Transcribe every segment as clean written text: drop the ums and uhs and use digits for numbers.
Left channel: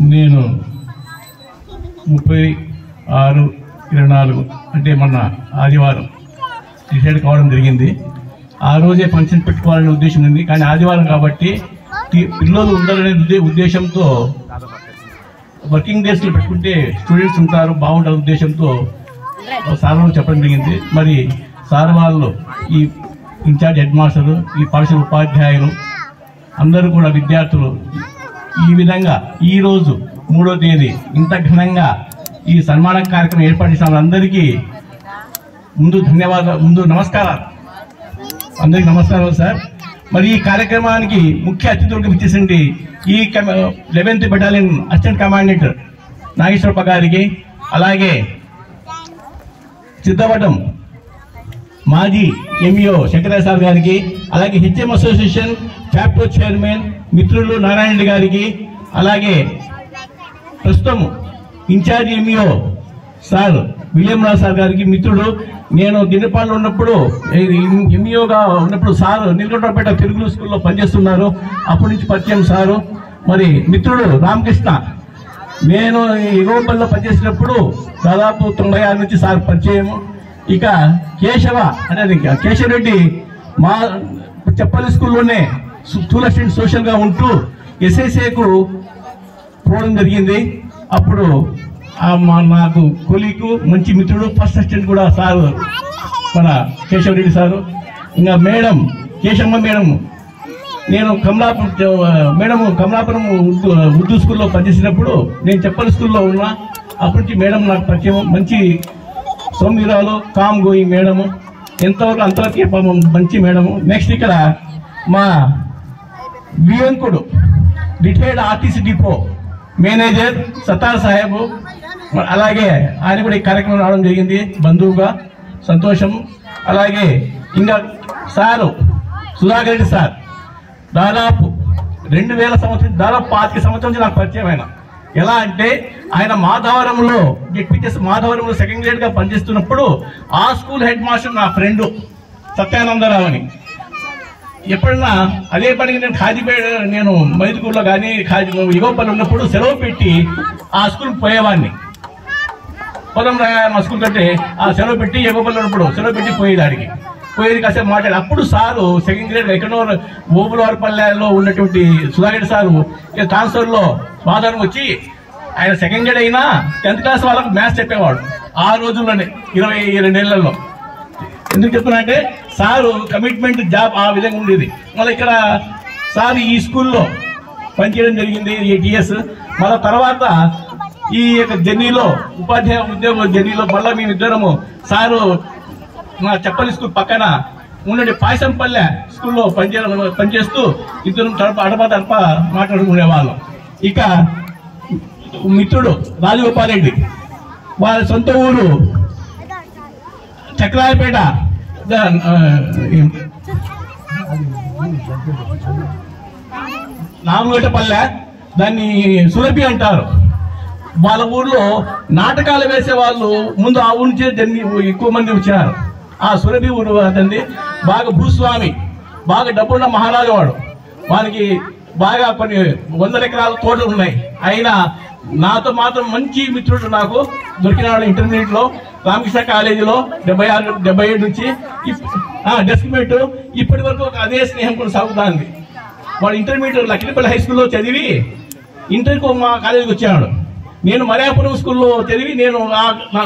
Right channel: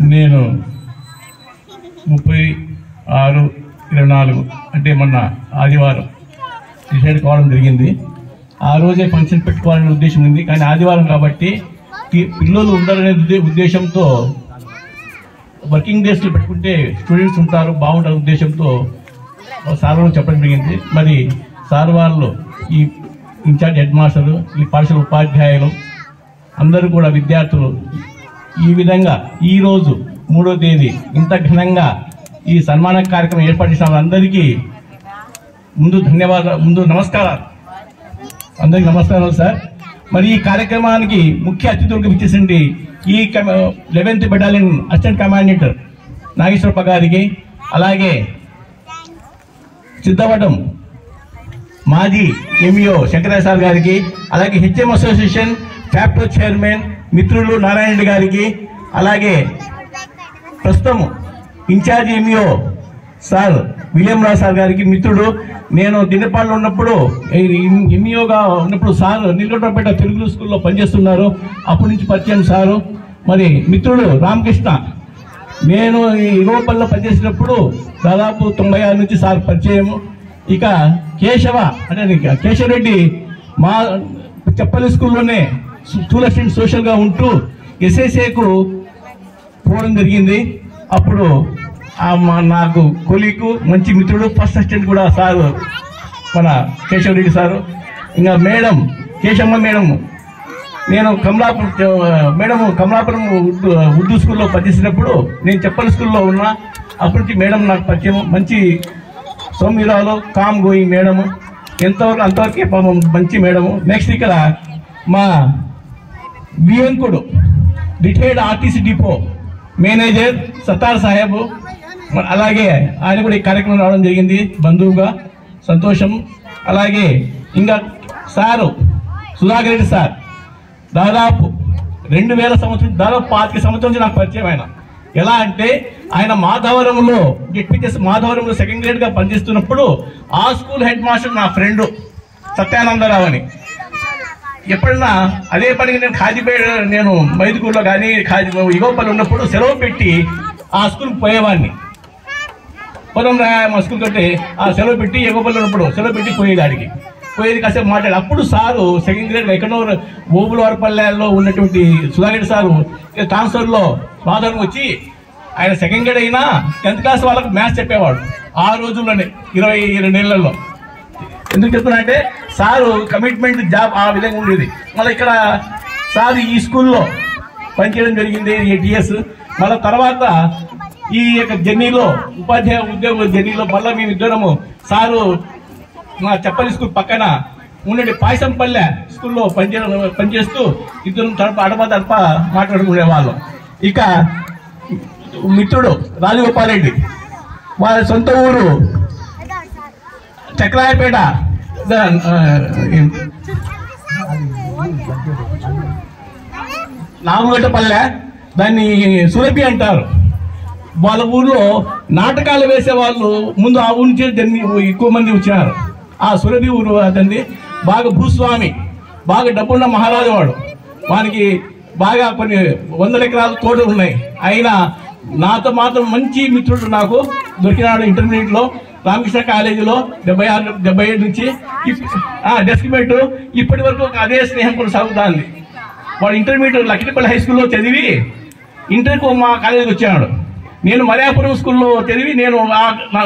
నేను 36/24 అంటే మొన్న ఆదివారం డిసైడ్ కావడం జరిగింది. ఆ రోజే ఫంక్షన్ పెట్టుకోవాలనే ఉద్దేశం ఉంది. కానీ ఆదివారం కాబట్టి పిల్లలు ఉండాలనే ఉద్దేశంతో వర్కింగ్ డేస్లో పెట్టుకుంటే స్టూడెంట్స్ ఉంటారు, బాగుండాలనే ఉద్దేశంతో సార్ వాళ్ళు చెప్పడం జరిగింది. మరి సార్ వాళ్ళు, ఈ ఇన్ఛార్జ్ హెడ్ మాస్టరు, ఈ పాఠశాల ఉపాధ్యాయులు అందరూ కూడా విద్యార్థులు ఈ విధంగా ఈరోజు 3వ తేదీ ఇంత ఘనంగా ఈ సన్మాన కార్యక్రమం ఏర్పాటు చేసిన అందరికీ ముందు నమస్కారాలు. అందరికీ నమస్కారాలు సార్. మరి ఈ కార్యక్రమానికి ముఖ్య అతిథులకు ఇచ్చేసింది ఈ 11th బెటాలియన్ అసిస్టెంట్ కమాండెంట్ నాగేశ్వరప్ప గారికి, అలాగే సిద్ధవటం మాజీ ఎంఈఓ శంకరయ్య సార్ గారికి, అలాగే హెచ్ఎం అసోసియేషన్ ఫ్యాక్టో చైర్మన్ మిత్రులు నారాయణ రెడ్డి గారికి, అలాగే ప్రస్తుతం ఇన్ఛార్జి ఎంఈఓ సార్ విలియం రావు సార్ గారికి మిత్రుడు. నేను దినపాల్లో ఉన్నప్పుడు ఎంఈఓగా ఉన్నప్పుడు సార్ నీలకంఠపేట తెలుగు స్కూల్లో పనిచేస్తున్నారు. అప్పటి నుంచి పరిచయం సారు. మరి మిత్రుడు రామకృష్ణ, నేను ఈ ఇగోపల్లిలో పనిచేసినప్పుడు దాదాపు 96 నుంచి సార్ పరిచయం. ఇక కేశవ అంటే కేశవరెడ్డి మా చెప్పల్లి స్కూల్లోనే స్కూల్ అసిస్టెంట్ సోషల్గా ఉంటూ ఎస్ఎస్ఏకు పోవడం జరిగింది. అప్పుడు నాకు కొలీకు మంచి మిత్రుడు, ఫస్ట్ అసిస్టెంట్ కూడా సారు మన కేశవరెడ్డి సారు. ఇంకా మేడం కేశమ్మ మేడం, నేను కమలాపురం ఉర్దూ స్కూల్లో పనిచేసినప్పుడు నేను చెప్పల్లి స్కూల్లో ఉన్నా. అప్పటి నుంచి మేడం నాకు పరిచయం, మంచి సౌమ్యురాలు, కామ్ గోయింగ్ మేడము, అంతవరకు మంచి మేడము. నెక్స్ట్ ఇక్కడ మా వియంకుడు retired RTC depot manager Sattar Saheb, అలాగే ఆయన కూడా ఈ కార్యక్రమం రావడం జరిగింది బంధువుగా, సంతోషం. అలాగే ఇంకా సారు సుధాకర్ రెడ్డి సార్, దాదాపు 2000 సంవత్సరం, దాదాపు 25 సంవత్సరం నుంచి నాకు పరిచయం. ఆయన ఎలా అంటే ఆయన మాధవరంలో డిప్యూటీ మాధవరంలో సెకండ్ గ్రేడ్గా పనిచేస్తున్నప్పుడు ఆ స్కూల్ హెడ్ మాస్టర్ నా ఫ్రెండ్ సత్యానందరావు అని. ఎప్పుడన్నా అదే పనికి నేను మైదుకూరులో కానీ ఇగోపల్లి ఉన్నప్పుడు సెలవు పెట్టి ఆ స్కూల్కి పోయేవాడిని. పొలం మా స్కూల్ కంటే ఆ సెలవు పెట్టి ఇగోపల్లి ఉన్నప్పుడు సెలవు పెట్టి పోయేది కాసేపు మాట్లాడి. అప్పుడు సారు సెకండ్ గ్రేడ్ ఎక్కడో ఓబులవారిపల్లెలో ఉన్నటువంటి సుధారెడ్డి సారు ట్రాన్స్ఫర్లో స్వాధారం వచ్చి ఆయన సెకండ్ గ్రేడ్ అయినా 10th క్లాస్ వాళ్ళకు మ్యాథ్స్ చెప్పేవాడు ఆ రోజుల్లోనే 22 ఏళ్లలో. ఎందుకు చెప్తున్నా అంటే సారు కమిట్మెంట్ జాబ్ ఆ విధంగా ఉండేది. మళ్ళీ ఇక్కడ సార్ ఈ స్కూల్లో పనిచేయడం జరిగింది 8 years. మళ్ళీ తర్వాత ఈ యొక్క జర్నీలో ఉపాధ్యాయ ఉద్యోగ జర్నీలో మళ్ళీ మేమిద్దరము సారు మా చెప్పల్లి స్కూల్ పక్కన ఉండే పాయసంపల్లె స్కూల్లో పనిచేస్తూ ఇద్దరు అడప మాట్లాడుకునే వాళ్ళం. ఇక మిత్రుడు రాజగోపాలరెడ్డి, వాళ్ళ సొంత ఊరు చక్రాయపేట, నామగట్టపల్లె, దాన్ని సురభి అంటారు. వాళ్ళ ఊర్లో నాటకాలు వేసే వాళ్ళు ముందు ఆ ఊరి నుంచి ఎక్కువ మంది వచ్చారు. ఆ సురభి ఊరు అతన్ని బాగా భూస్వామి, బాగా డబ్బున్న మహారాజు వాడు. వానికి బాగా కొన్ని 100 ఎకరాల తోటలు ఉన్నాయి. అయినా నాతో మాత్రం మంచి మిత్రుడు నాకు దొరికినాడు ఇంటర్మీడియట్లో రామకృష్ణ కాలేజీలో 76-77 నుంచి డెస్క్ మేట్. ఇప్పటి వరకు అదే స్నేహం కూడా సాగుతుంది. వాడు ఇంటర్మీడియట్ లక్కిడిపల్లి హై స్కూల్లో చదివి ఇంటర్కు మా కాలేజీకి వచ్చాడు. నేను మర్యాపురం స్కూల్లో చదివి నేను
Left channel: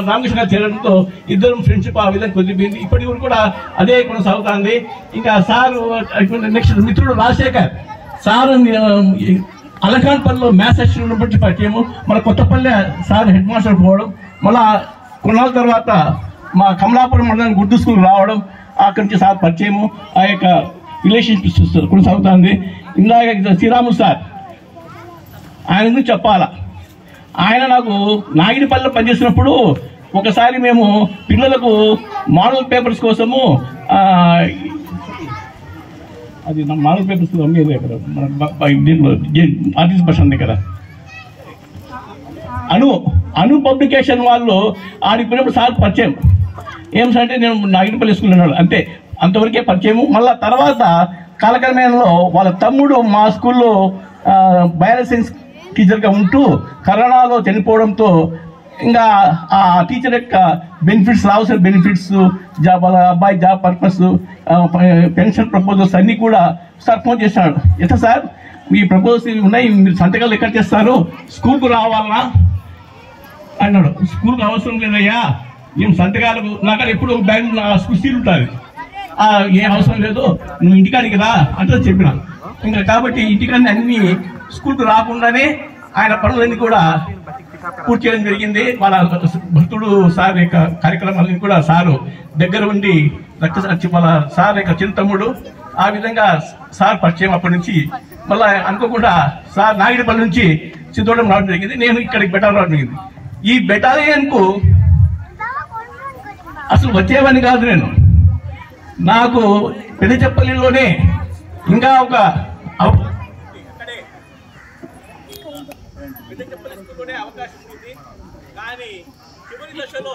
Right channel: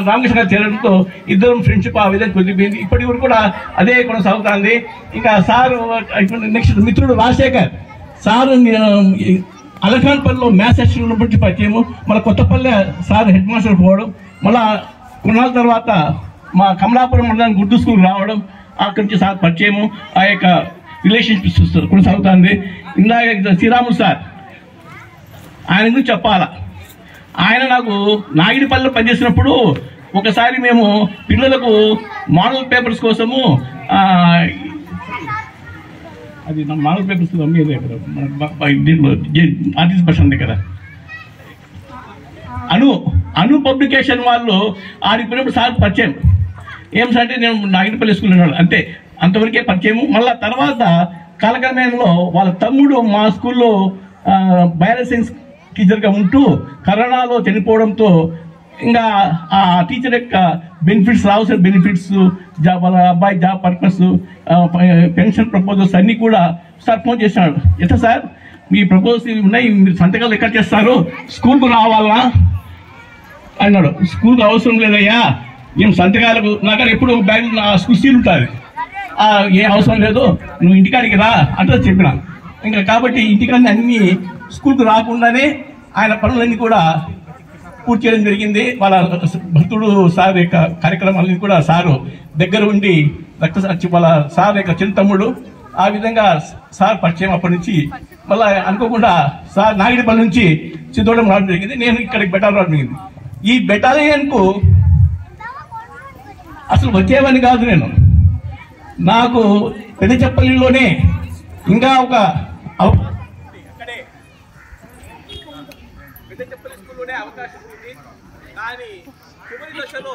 రామకృష్ణ గారు చేరడంతో ఇద్దరం ఫ్రెండ్షిప్ ఆ విధంగా కుదిరిపోయింది. ఇప్పటి వరకు కూడా అదే కొనసాగుతుంది. ఇంకా సారు నెక్స్ట్ మిత్రుడు రాజశేఖర్ సారు అలకాన్పల్లిలో మ్యాథ్స్ అసిస్టెంట్ ఉన్నప్పటి పరిచయము. మన కొత్తపల్లె సార్ హెడ్ మాస్టర్ పోవడం, మళ్ళా కొన్నాళ్ళ తర్వాత మా కమలాపురం మండలానికి ఉర్దూ స్కూల్ రావడం, అక్కడి నుంచి సార్ పరిచయము. ఆ యొక్క రిలేషన్షిప్ కొనసాగుతుంది. ఇందాక శ్రీరాములు సార్, ఆయన గురించి చెప్పాలా. ఆయన నాకు నాగిడిపల్లిలో పనిచేసినప్పుడు ఒకసారి మేము పిల్లలకు మోడల్ పేపర్స్ కోసము అది మోడల్ పేపర్స్ అమ్మేది ఇక్కడ దీంట్లో ఆర్టీసీ బస్ స్టాండ్ దగ్గర అను పబ్లికేషన్ వాళ్ళు ఆడిపోయినప్పుడు సార్ పరిచయం. ఏం సార్ అంటే నేను నాగిడిపల్లి స్కూల్ ఉన్నాడు అంతే, అంతవరకే పరిచయము. మళ్ళీ తర్వాత కాలక్రమేణలో వాళ్ళ తమ్ముడు మా స్కూల్లో బయాలజీ సైన్స్ టీచర్గా ఉంటూ కరోనాలో చనిపోవడంతో ఇంకా ఆ టీచర్ యొక్క బెనిఫిట్స్, రావాల్సిన బెనిఫిట్స్, జాబ్, వాళ్ళ అబ్బాయి జాబ్ పర్పస్, పెన్షన్ ప్రపోజల్స్ అన్నీ కూడా సార్ ఫోన్ చేసినాడు. ఎట్లా సార్ మీ ప్రపోజల్స్ ఉన్నాయి, మీరు సంతకాలు ఎక్కడ చేస్తారు, స్కూల్కు రావాలా అన్నాడు. స్కూల్కి అవసరం లేదయ్యా, మేము సంతకాలకు నాకు ఎప్పుడు బ్యాంక్ స్కూల్ సీల్ ఉంటుంది, ఏం అవసరం లేదు, నువ్వు ఇంటికాడికి రా అంటే చెప్పిన. ఇంకా కాబట్టి ఇంటికాడిని అన్ని స్కూల్కు రాకుండానే ఆయన పనులన్నీ కూడా పూర్తి చేయడం జరిగింది. వాళ్ళ భక్తుడు సార్ యొక్క కార్యక్రమాలన్నీ కూడా సారు దగ్గర ఉండి వాళ్ళ సార్ యొక్క చిన్న తమ్ముడు, ఆ విధంగా సార్ పరిచయం. అప్పటి నుంచి మళ్ళీ అనుకోకుండా సార్ నాగిడిపల్లి నుంచి సిద్ధోడం రావడం జరిగింది. నేను ఇక్కడికి బెటాలియన్ రావడం జరిగింది. ఈ బెటాలియన్కు అసలు వచ్చేవని కాదు, నేను నాకు పెద్దచెప్పల్లిలోనే ఇంకా ఒక పెద్దచెప్పల్లి స్కూల్లోనే అవకాశం ఉంది. కానీ చివరి దశలో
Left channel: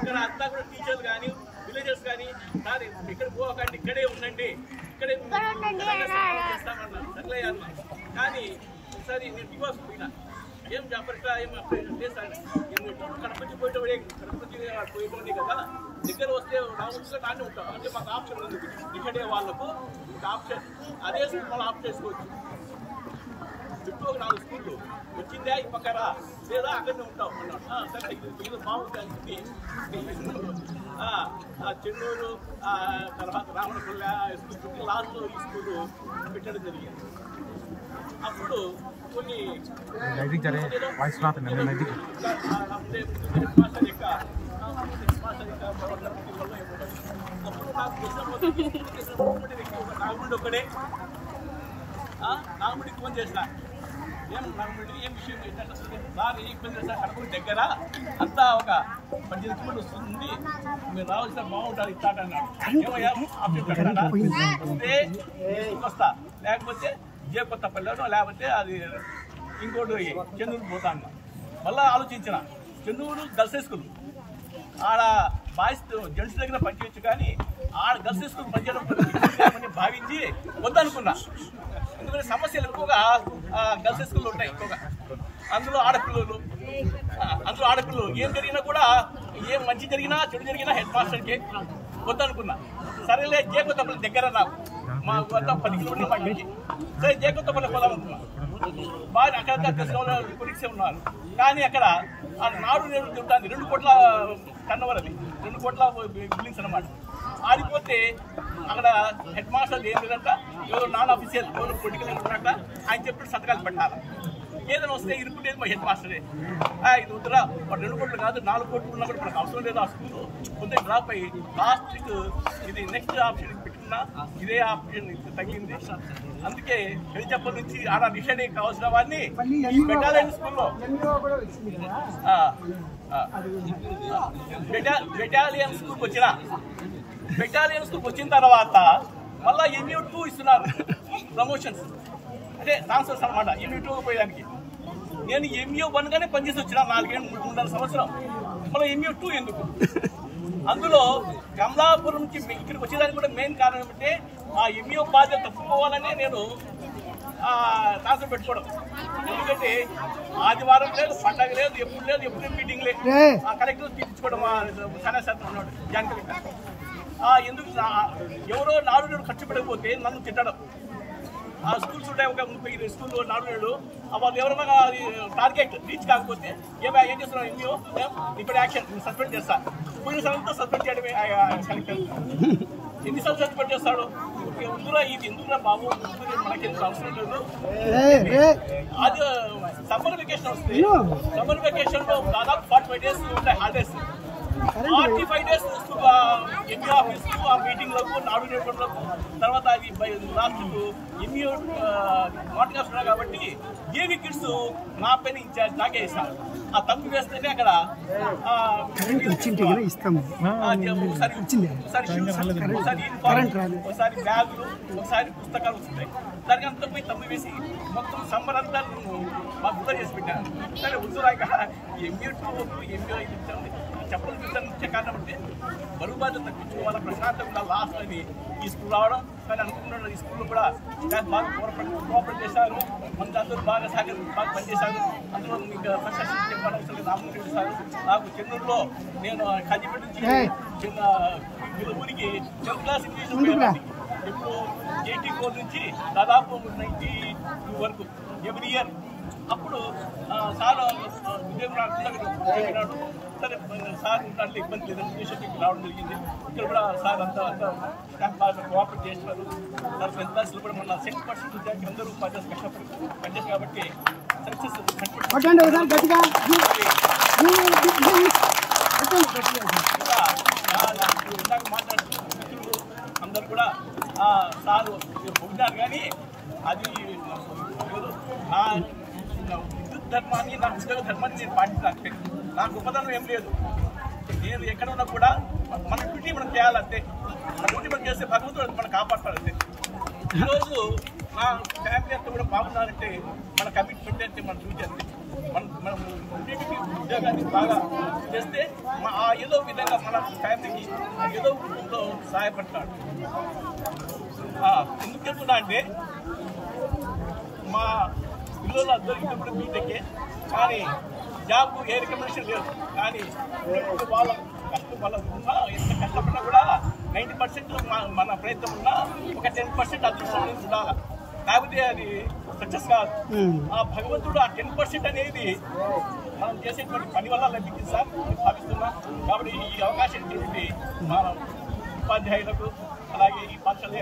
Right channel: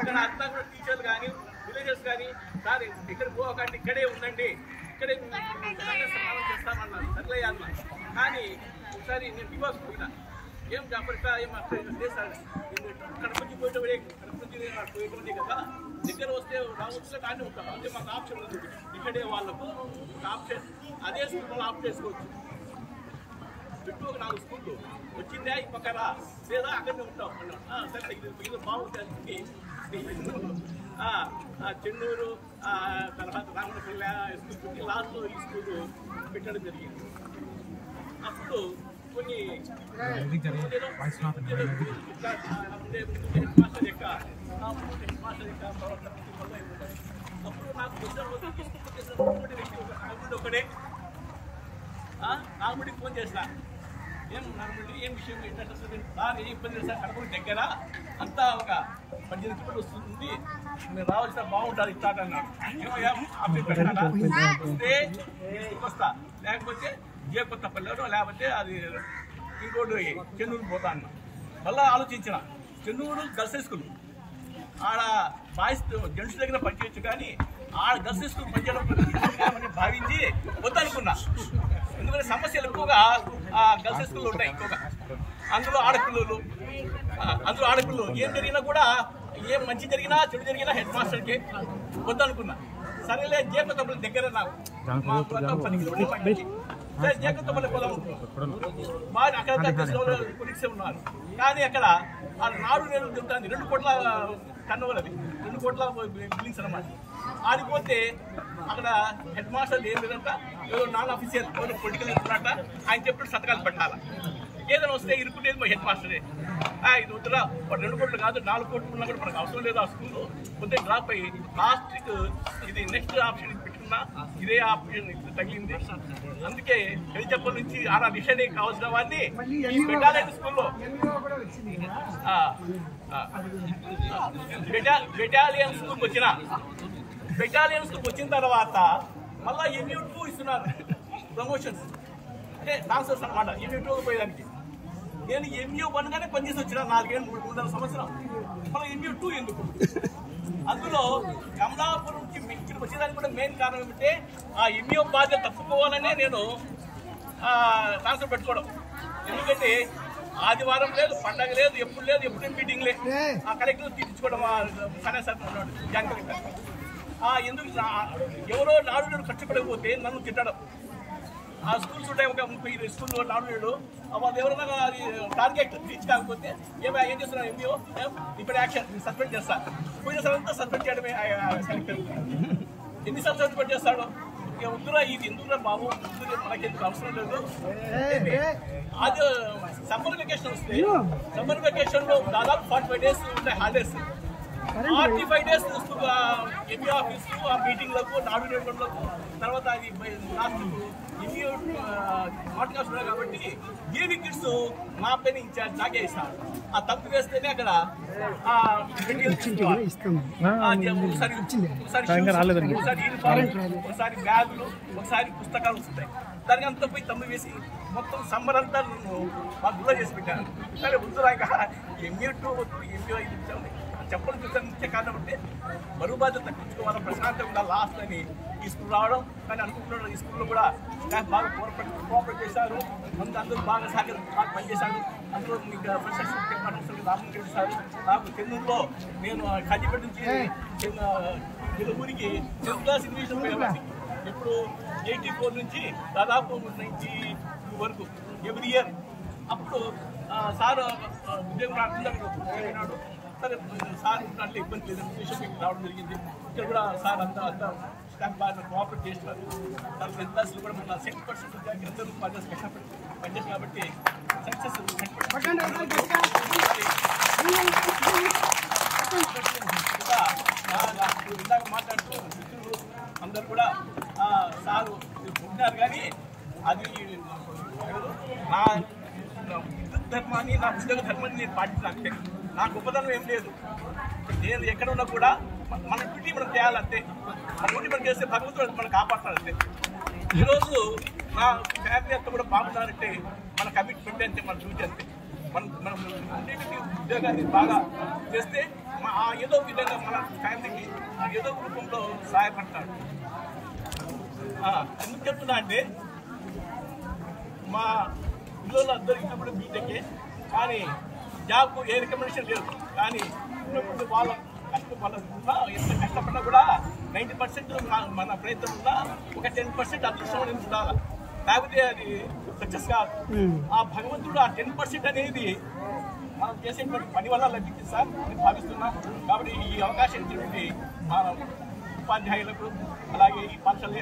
ఇక్కడ అంతా కూడా టీచర్లు కానీ విలేజర్స్ కానీ సార్ ఇక్కడ పోకండి, ఇక్కడే ఉండండి, ఇక్కడే చేస్తామన్నారు. సర్లే అన్న. కానీ ఒకసారి నేను బికాస్ పోయినా, ఏం జాపరిక ఏం లేదు సార్, నేను కడప నుంచి పోయేటోనే కదా, దగ్గర వస్తే రావచ్చు కానీ ఉంటాం అంటే మాకు ఆప్షన్ ఉంది. ఇక్కడే వాళ్ళకు ఒక ఆప్షన్, అదే స్కూల్ వాళ్ళు ఆప్షన్ చేసుకోవచ్చు. చుట్టూ ఒక 4 స్కూళ్ళు వచ్చిందే ఈ పక్కరా, లేదా అక్కడనే ఉంటాం అన్నాడు. సరే ఇది బాగుంది అని చెన్నూరు తర్వాత రామణపల్లె స్కూల్ పెట్టి లాస్ట్లో ఈ స్కూలు పెట్టడం జరిగింది. అప్పుడు కొన్ని అప్పుడు నాకు ఒక నాగముడి ఒకడే నాగముడికి ఫోన్ చేసిన, ఏం నాగముడి ఏం విషయం ఏంటంటే సార్ ఏ ఇబ్బంది లేదు సార్, కడపకు దగ్గర అంతా ఒక 18 కిలోమీటర్లు వస్తుంది, మీరు రావాల్సిన బాగుంటుంది ఇస్తాడు అన్నాడు. ఏమయ్యా ఆప్షన్ పెట్టాడా, వస్తే వస్తా, లేకపోతే కొత్తపల్లిలో, లేకపోతే అది ఇంకోటి చెన్నూరు పోతా అన్నా. మళ్ళీ ఆలోచించిన, చెన్నూరు గర్ల్స్ స్కూల్ ఆడ బాయ్స్ జెంట్స్ దగ్గర పనిచేయచ్చు, కానీ ఆడ గర్ల్స్ స్కూల్ పనిచేయడం భావించి వద్దనుకున్నా. ఎందుకంటే సమస్యలు ఎక్కువగా గర్ల్స్ స్కూల్లో ఉంటాయి ఎక్కువగా, అందులో ఆడపిల్లలు ఏం జరిగినా కూడా, ఏం మంచి జరిగినా చెడు జరిగినా హెడ్ మాస్టర్కి వద్దనుకున్నా. సరేలే జేకొత్తపల్లి దగ్గర నాకు మా వద్ద 10 కిలోమీటర్లు పంపించి, సరే జేకొత్తపల్లి పోదాం అనుకున్నా. బాగా అక్కడ కొలిక్స్ ఉన్నారు, కానీ అక్కడ ఆ నాడు నేను ఉంటుంది 2 కోట్ల టర్నోవర్, అది 2 కోట్ల బిల్డింగ్స్ అనమాట. ఆడిపోతే అక్కడ హెడ్ మాస్టర్ ఏం లేదంట, ఏదో నాన్ ఆఫీసియల్ ఎవరు పొలిటికల్ వెళ్తున్నట్ట, ఆయన చెప్పిన సంతకాలు పెట్టాలా, ఏదైనా వస్తే ఇరుకుంటేది మా హెడ్ మాస్టరే. ఇది వద్దురా, 2 కోట్లు కాదు 4 కోట్లు ఉన్నా కూడా మనకు అవసరం లేదు, ఆ స్కూల్ కొంచెం డ్రాప్ అయ్యి లాస్ట్కి ఇది నెక్స్ట్ ఆప్షన్ పెట్టుకున్నా, ఇదే ఆప్షన్ తగ్గింది. అందుకే పెద్దచెప్పల్ నుంచి ఆడ డిసైడ్ కావాల్సిన వాడిని బెటాలియన్ స్కూల్లో బెటాలియన్ స్కూల్కి వచ్చిన తర్వాత మళ్ళీ MU2 ఇస్తున్నారు ప్రమోషన్స్, అంటే ట్రాన్స్ఫర్స్ అనమాట. MU2 పోయేదానికి నేను MU1 గానే పనిచేసి వచ్చిన 4-3 సంవత్సరం, మళ్ళీ MU2 ఎందుకు? అందులో కమలాపురంకి ఇక్కడికి వచ్చేదానికి కూడా మెయిన్ కారణం ఏమంటే ఆ MU బాధ్యత తప్పుకోవాలనే నేను ట్రాన్స్ఫర్ పెట్టుకోవడం. ఎందుకంటే ఆదివారం లేదు, పండగ లేదు, ఎప్పుడు మీటింగ్ లేదు, ఆ కలెక్టర్ తీర్చుకోవడం సరే సార్ ఉన్నాడు జాయింట్ కలెక్టర్. ఎందుకు ఎవరో నాడు ఖర్చు పడకపోతే నన్ను తిట్టడం. ఆ స్కూల్స్ ఉంటాయి, ఒక 30 స్కూల్లో నాడు వాళ్ళు ఎవరైనా టార్గెట్ రీచ్ కాకపోతే ఏం చేస్తున్నారు MU ఇప్పుడు యాక్షన్ సస్పెండ్ చేస్తా. పోయిన సార్ంతా సస్పెండ్ చేయడమే కలెక్టర్. ఎన్నిసార్లు సస్పెండ్ చేస్తాడు? వద్దురా, ఇది ఎందుకురా బాబు, మనకెందుకు అవసరం లేదు. అది సమ్మర్ వెకేషన్ వస్తే సమ్మర్ వెకేషన్ లో దాదాపు 45 days ఉంటాయి హాలిడేస్. 45 days MU ఆఫీస్ ఆ మీటింగ్లకు నాడు నేర్పడలకు, తర్వాత అది లాస్ట్ MU మాట్లాడుతున్నారు ఉన్నాయి కాబట్టి ఏవి కిడ్స్ నా పైన ఇన్ఛార్జ్ నాకే ఇస్తారు. ఆ తప్పు వేస్తేనే అక్కడ ఒకసారి బ్యాగులు, ఒకసారి పుస్తకాలు వస్తాయి. దానికి అంతా పోయి తమ్ము వేసి మొత్తం సమ్మర్ అంతా నన్ను మా గుళ్ళ చేసి పెట్టాను. సరే వద్దురాక MU2 వద్దు, MU చెప్పలు చూసాను. ముఖ్య కారణం అంటే బరువు బాధ్యత తగ్గించుకోవాలి, ప్రశాంతంగా ఉండాలి లాస్ట్ అని ఈ స్కూల్ రావడం. కానీ అనుకుంటున్నాను ఈ స్కూల్లో కూడా బాగా కోఆపరేట్ చేశారు. అందరూ బాగా బాగా పనిచేశారు. అందులో ఇంకా ఫస్ట్ అసిస్టెంట్ చెప్పనవసరం రామరెడ్డి సార్ నాకు చెన్నూరులో నేను కాజీపేట నుంచి చిన్న వీళ్ళ ఊరికి 10th క్లాస్ ఇంగ్లీష్ పోయేవాడిని. ఎప్పుడు 84 నుంచి దాదాపు 92 వరకు ఎవ్రీ ఇయర్. అప్పుడు సార్ ఉద్యోగం రాకుండా అక్కడ చెప్పినాడు. సరే సార్ ఉంటాంటే ఇబ్బంది లేదని ఉద్దేశం రావడం జరిగింది. ఇక్కడ కూడా సార్ అంతా స్టాఫ్ బాగా కోఆపరేట్ చేస్తున్నారు. తర్వాత 10th క్లాస్లో కూడా మన 100% ఉద్యోగులు అందరూ కష్టపడి పనిచేస్తారు కాబట్టి సక్సెస్ ఇందాక మాట్లాడుతూ మిత్రులు అందరు కూడా సారు పొగిడారు. కానీ అది లేదు, నా విద్యుత్ ధర్మాన్ని నా ఉద్యోగ ధర్మాన్ని నేను పాటించాలంటే నా గొప్పతనం ఏం లేదు. నేను ఎక్కడ ఉన్నా కూడా మన డ్యూటీ మనం చేయాలంటే, మన డ్యూటీ మనం చేస్తే భగవంతుడు మనం కాపాడతాడంటే. ఈరోజు నా ఫ్యామిలీ అంతా కూడా బాగున్నారంటే మన కమిట్మెంట్ అంటే మన డ్యూటీ అంతే. మనం ఇంటికి ఉద్యోగాన్ని బాగా చేస్తే ఏదో విధంగా మన ఫ్యామిలీకి ఏదో రూపంలో సహాయపడతాడు. ఎందుకు చెప్తున్నా అంటే మా పిల్లలు ఇద్దరు కూడా బీటెక్కే, కానీ జాబ్కు ఏ రికమెండేషన్ లేదు. కానీ వాళ్ళ కష్టం వాళ్ళ ఉన్నా ఎంత కష్టపడినా కూడా 90% మన ప్రయత్నం ఉన్నా ఒక 10% అదృష్టం అనేది ఉండాలి, లేకపోతే అది సక్సెస్ కాదు. ఆ భగవంతుడు ఆ 10% అనేది మనం చేసేటువంటి పని వల్ల లభించింది సార్ అని భావిస్తున్నా. కాబట్టి ఈ అవకాశం ఇచ్చినటువంటి మన ఉపాధ్యాయులకు, అలాగే ఈ పాఠశాల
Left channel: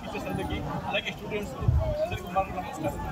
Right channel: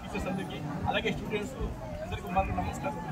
టీచర్స్ అందరికీ, అలాగే స్టూడెంట్స్ అందరికీ మరొక నమస్కారం.